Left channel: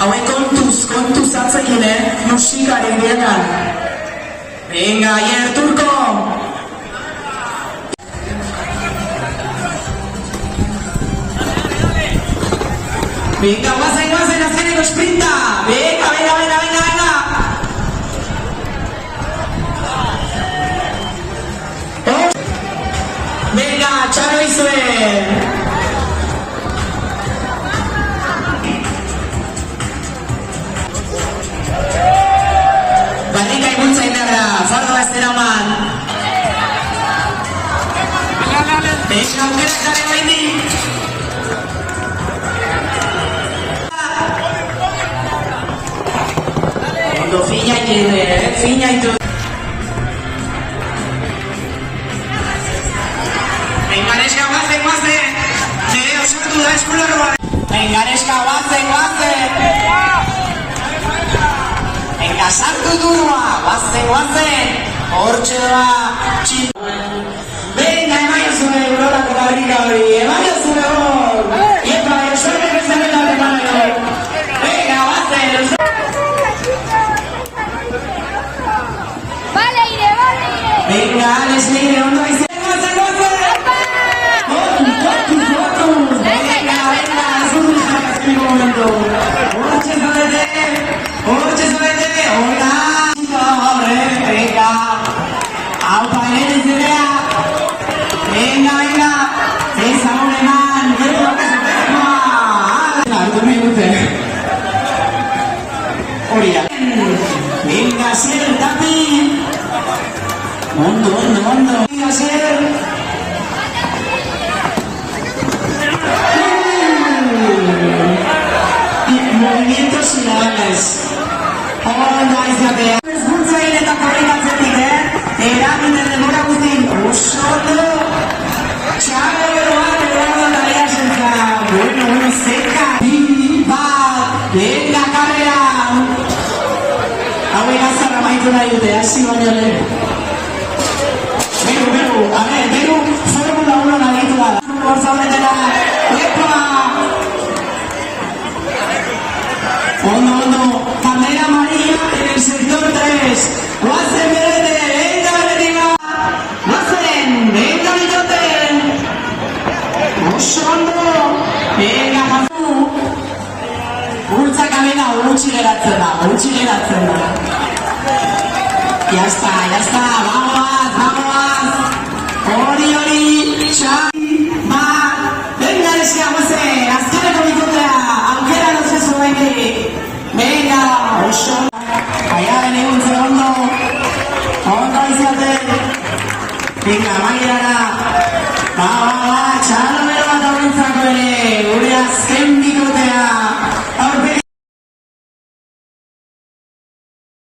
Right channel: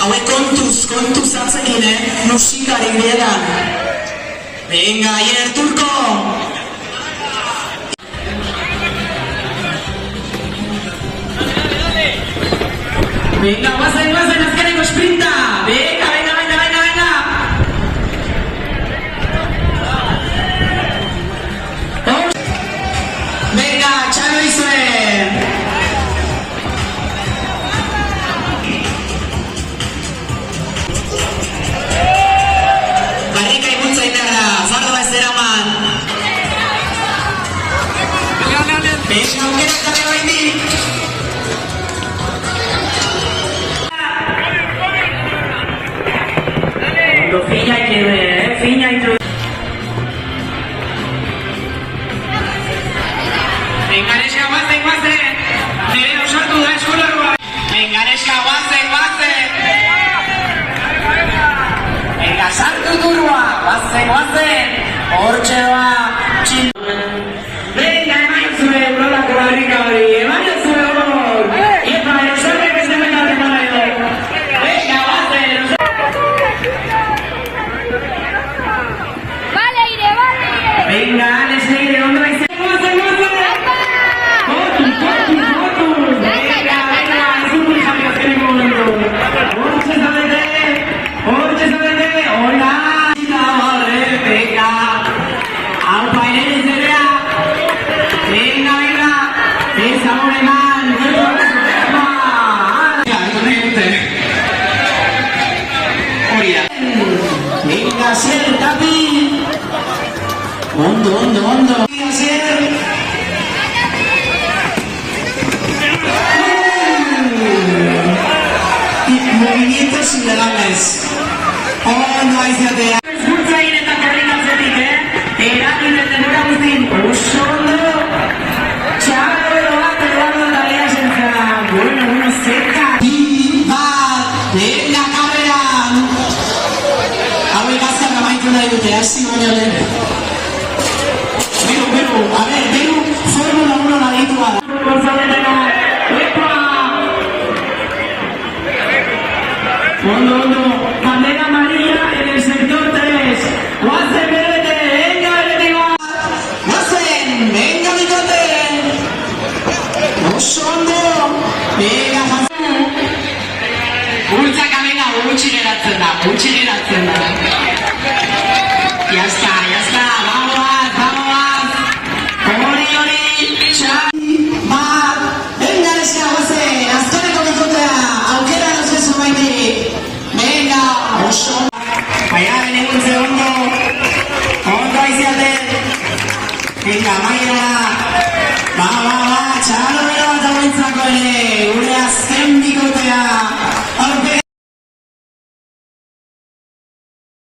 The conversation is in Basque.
hauek kontuz atzekin, musikaren bietan. Venga, Aier Turko! Venga, guazen, azkeneko sprinta! Venga! Venga, txalo izuen! Garrika iguntza indarra, zorra zeraman! Beixo aukerak dago haindik! Ondo fina itu. Engareska guazen! Gire osartu da eskulerroa! Engareska guazen! Enga sartu turua! Guazen! Hortxe doa! Venga, emaizue, Aurorako Madrika hori! Emaizue hor! Iepa, erosuene bezemena preparaio! Venga, guazen! Vale, Aire! Venga, Alex Leire, ondo izan! Hortxe zarete, hola! Venga! Aupa, Inez izbidea! Venga! Ez agur eman! Hartu nahi dute! Hori da! Venga, Zer, Tapi! Ondo! Venga, Zer! Movimientos ideales. Ondo aizatea. Eskuntza eta korrikatzetik, Eragin ez demora guztin. Oso ondo. Txalo bat tarea zentra. Bueno, zeka. Venga, karreran. Hauek azkar amaitu nahi dute, hasi baino lehen. Beru, a ver, Formula 1 nahitua da. Gonzaletera. Ondo, bandera amarilla en el sector 3. Guazen berete, venga beretima. Guazen, venga bitote. Oso ondo, venga jazu. Bultzaka venga, gutxi geratzen da. Ya está, vamos. Hori, txai. Venga, neska guazen, azkareko bitotea, aukera nozezu baitik. Venga, oso! Aiaren egun ondo aiziaten! Venga, maia!